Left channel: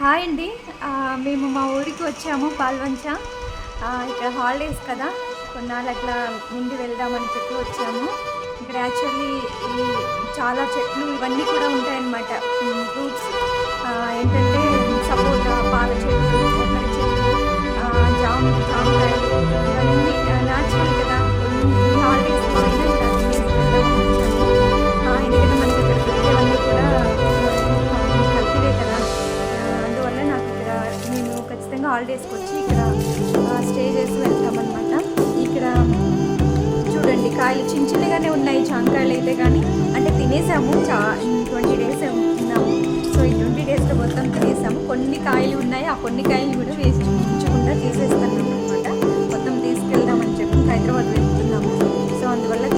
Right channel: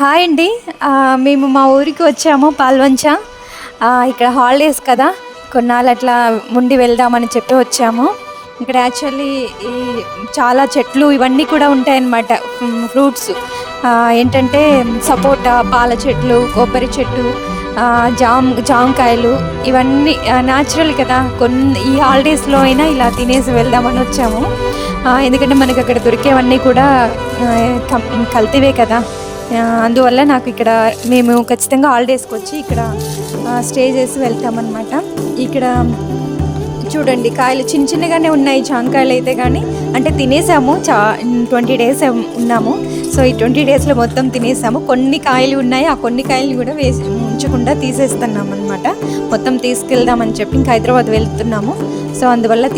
Hi అండి. మేము మా ఊరికి వచ్చాము పాల్వంచ. ఇక్కడ హాలిడేస్ కదా, కొన్నాళ్ళు అట్లా ఉండి వెళ్దామని చెప్పి వచ్చాము. ఇక్కడ యాక్చువల్లీ ఈ చాలా చెట్లు ఇవన్నీ కూడా ఉంటాయన్నమాట. ఫ్రూట్స్ ఏంటంటే సపోటా, పాల చెట్లు, కొబ్బరి చెట్టు, జామకాయలు ఇవన్నీ న్యాచురల్ కదా. ఈ హాలిడేస్లో అయినా ఇలా తినేసి వెళ్దామని వచ్చాము. ఎందుకంటే మనకి అక్కడ దొరికేవన్నీ కూడా కల్తీవే కదా. అందువల్ల నాకు ఇక్కడ మేము ఖచ్చితంగా హాలిడేస్కి వచ్చి ఇక్కడ స్టే చేసి వెళ్తామన్నమాట. ఇక్కడ చూడండి, కాయలు చిన్న చిన్నగానే ఉన్నాయి. జామకాయలు అయితే కానీ అంటే తినేసాము. 20 days ఉన్నాము. సో ఈ 20 daysలో మొత్తం తినేసాము. కొన్ని కాయలు ఉన్నాయి, ఆ కొన్ని కాయలు కూడా ఉంచకుండా తీసేస్తున్నాము అనమాట. మొత్తం తీసుకెళ్దామని చెప్పి ఇంకా హైదరాబాద్ వెళ్తున్నాము. సో అందువల్ల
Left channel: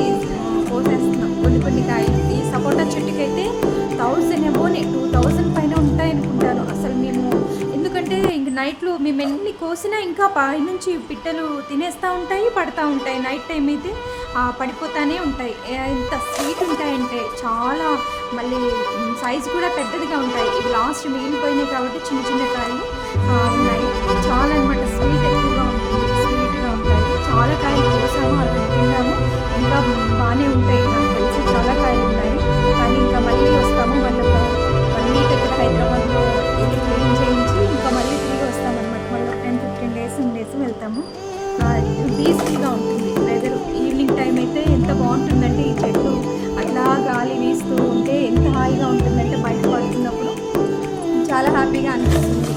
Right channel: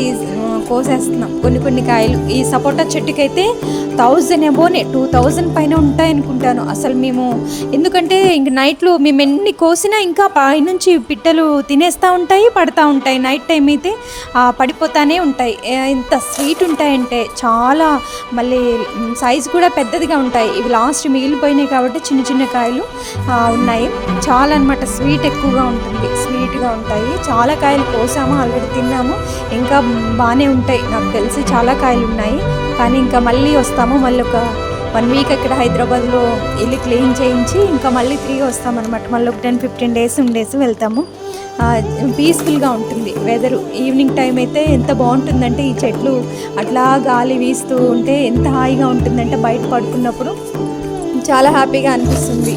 కోసేస్తున్నాం కొన్ని కాయలు. ఈ సపోటా చెట్టుకైతే 1000 అబోనే 2000 పైన ఉంటాయనుకుంటాను అసలు. మేము ఎందుకంటే ఇంక నైట్లో మేము ఎన్ని కోసినా ఇంకా పైనుంచి పిట్టలు తినేస్తూ ఉంటాయి, పడుతూ ఉంటాయి. నైట్ టైం అయితే పడిపోతానే ఉంటాయి. ఎంత స్వీట్ ఉంటాయంటే చాలా, మళ్ళీ సైజు కూడా పెద్దదిగా ఉంటాయి. ఇవి లాస్ట్ మిగిలిపోయినాయి కాబట్టి చిన్న చిన్న కాయలు ఉన్నాయి. చాలా అనమాట, స్వీట్ ఎక్కువగా ఉంటుంది, స్వీట్గా ఉంటాయి. చాలా కాయలు కోసాము, ఆల్రెడీ తిన్నాము. ఇంకా బాగానే ఉంటాయి, నాకు తెలిసి చాలా కాయలు ఉన్నాయి. కానీ ఇంకా మళ్ళీ వస్తాము. మళ్ళీ ఒక 1 week అక్కడ హైదరాబాద్లో వెళ్ళి క్లీన్ చేయించి ఇంకా మళ్ళీ తిరిగి వస్తామన్నమాట. మళ్ళీ ఒక 10-15 days ఉండేసి వెళ్తాము. పీస్ఫుల్గా ఉంటుంది వెదరు. ఈవినింగ్ టైం అయితే ఎంత బాగుంటుందంటే ఈ చెట్లు అట్లా గాలి వీస్తూ ఉంటే ఎంత హాయిగా ఉంటుందంటే బయట పడుతున్నప్పుడు చాలా హ్యాపీగా అనిపిస్తుంది.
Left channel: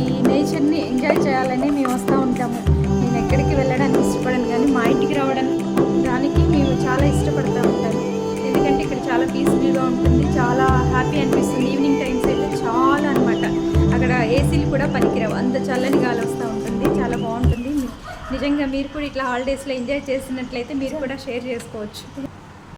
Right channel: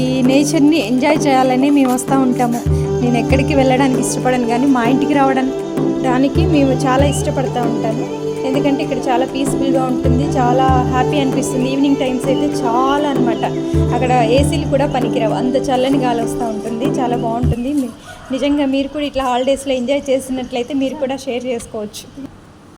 ఈ నేచర్ని ఎంజాయ్ చేయాలని మేము వస్తూ ఉంటాము. నేను ఎక్కడికి వెళ్ళడానికి ఇష్టపడను, కానీ మా ఇంటికి రావడానికి మేము చాలా ఇష్టపడుతూ ఉంటాను. ఎందుకంటే ఇక్కడ చాలా పీస్ఫుల్గా ఉంటుంది, చాలా హ్యాపీ అనిపిస్తుంది. ఈవినింగ్ టైమ్స్ అయితే చాలా అనమాట. అక్కడ ఏసీలు కూడా పనికిరావు, అంత చల్లని గాలి వస్తూ ఉంటుంది, చాలా బాగుంటుంది. నిజంగా మీరు కూడా ఇట్లా హాలిడేస్లో ఎంజాయ్ చేసినట్లయితే మీరు కూడా షేర్ చేసుకోవచ్చు.